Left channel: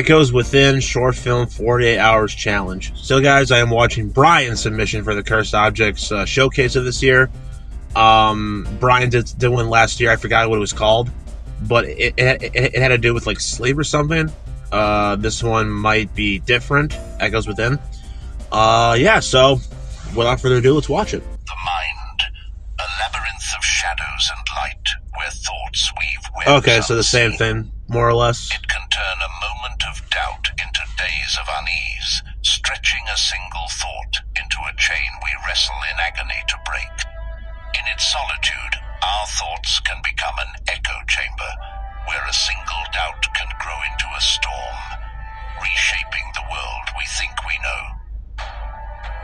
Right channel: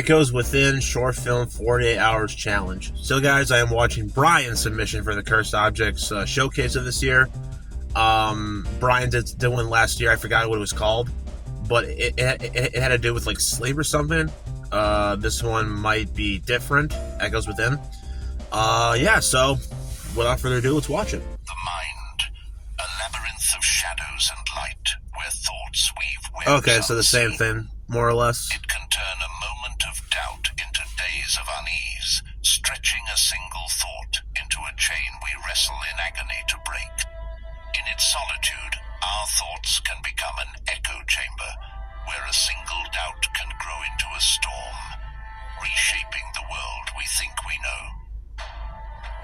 Echoes Within Short Film 48 Hours Challenge. So, guys, I am watching Brian's submission for the Cursed Objects showcase of this year. Brian did one last year. I forgot what it was called, but it had to do with like sleep or something. This one might be different. Echoes Within. Yeah, so without further ado, let's watch it. The mind, a labyrinth of shadows and light, where thoughts weave webs. Okay, so the same thing, more or less. It can turn a moment of doubt into days of unease, stretching a single thought into a chain we wrestle in agony to break. In its solitude, our thoughts can become an echo chamber, where a single doubt can grow into a storm, reshaping the world we think we know.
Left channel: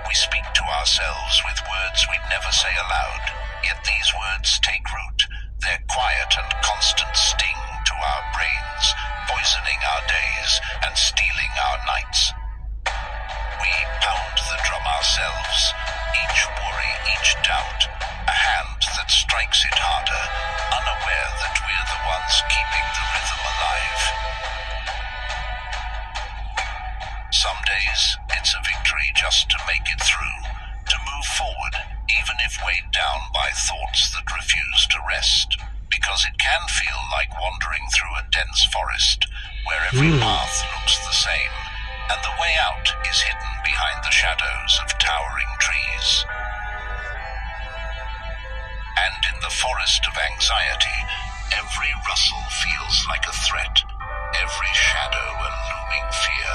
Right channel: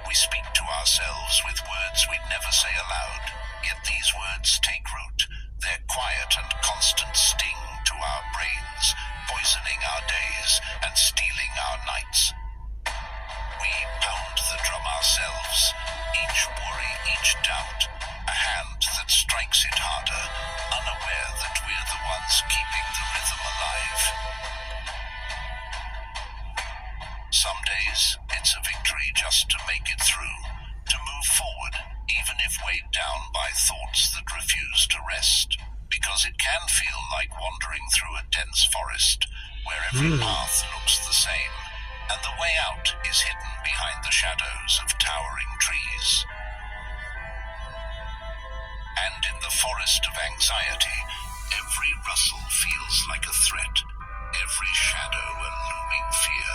We speak to ourselves with words we'd never say aloud, yet these words take root, their quiet and constant sting to our brains, poisoning our days and stealing our nights. We pound the drum ourselves, each worry, each doubt, a hand that strikes it harder, unaware that we're the ones keeping the rhythm alive. Some days, it's a victory just to make it through, to move forward, even if weighed down by thoughts that refuse to rest, because it can feel like wandering through a dense forest, where every path looks the same, and the way out is hidden behind the shadows of towering trees. And in the forest of anxiety, every rustle feels like a threat, every shadow a looming fear,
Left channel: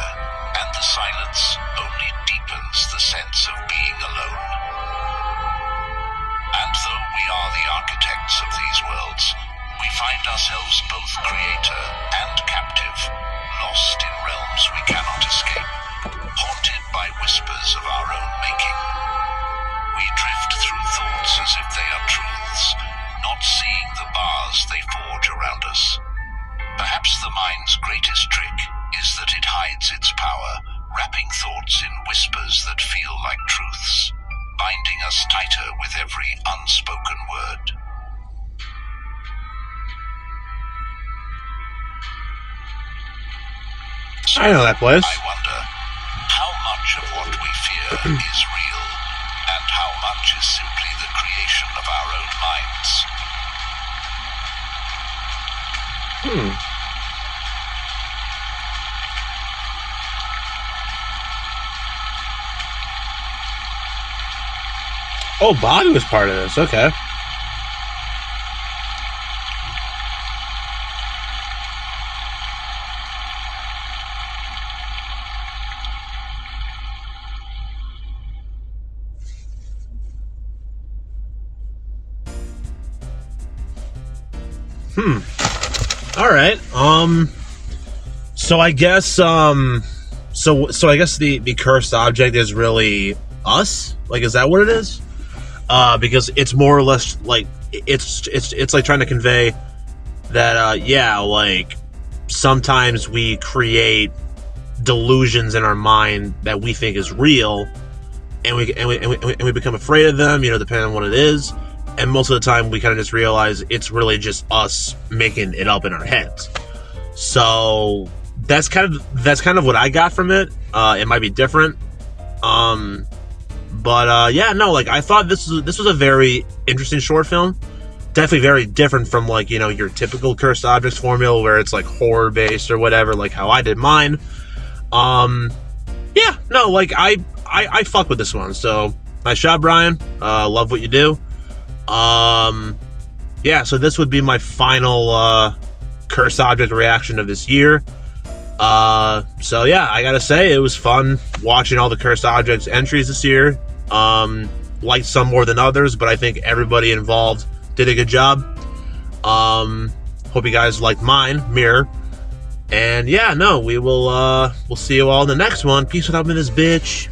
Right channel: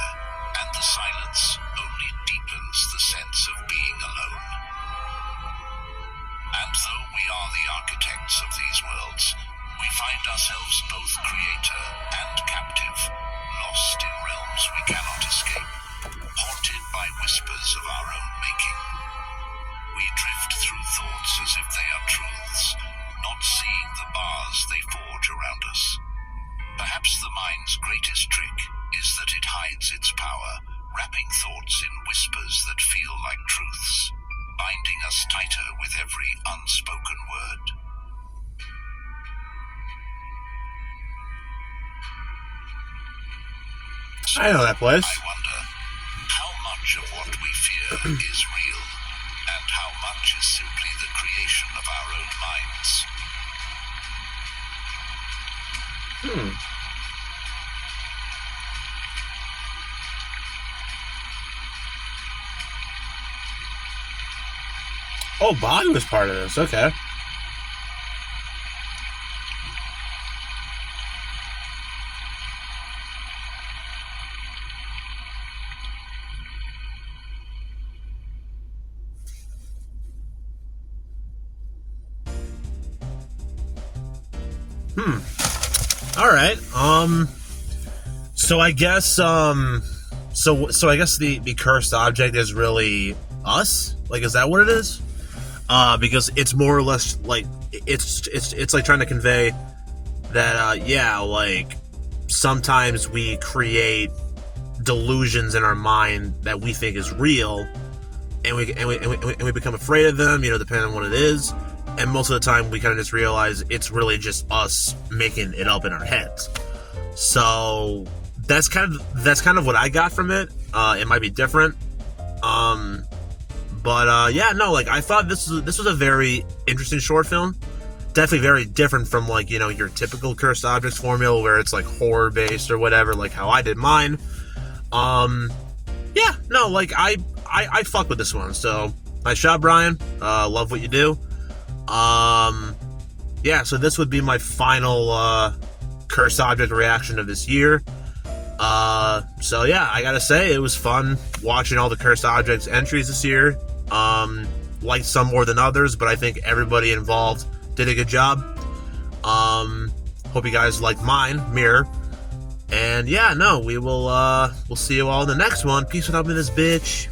and the silence only deepens the sense of being alone. And though we are the architects of these worlds, we find ourselves both creator and captive, lost in realms we cannot escape, haunted by whispers of our own making. We drift through thoughts as if they are truths, not seeing the bars they forge around us. Perhaps the mind's greatest trick is that it hides its power, wrapping thoughts in whispers that feel like truths, binding us tighter with every unspoken word. So I know that place. I wonder, how much of what we fear is real, and how much is simply the creation of our own minds? Oh, Bobby was part of this. Okay. All right. So I guess so I guess the cursed object is really us. Like, is that what it is? Because it's more or less like it's like trying to convey that yeah, like sometimes we create delusions in our mind that we think is real, and we become afraid of them, you know, depending on what it is. And most of the time we kind of just realize it's really just us making it up in our heads. So that's kind of what I got from it. It might be different. But yeah, no, like I thought this was a very interesting short film. Definitely very different from, like, you know, your typical Cursed Objects formula where it's like horror based or whatever, like how I did mine. Yeah, no, like I fuck with this one. So nice job, Brian. Love what you do. Yeah, so this would be my final Cursed Object reaction of this year. So yeah, I gotta say it was fun watching all the Cursed Objects entries this year. Liked some more than others, but I think everybody involved did a good job. Hope you guys liked mine, Mirror. And yeah, no, we'll see you all in the next one. Peace without me, this bitch.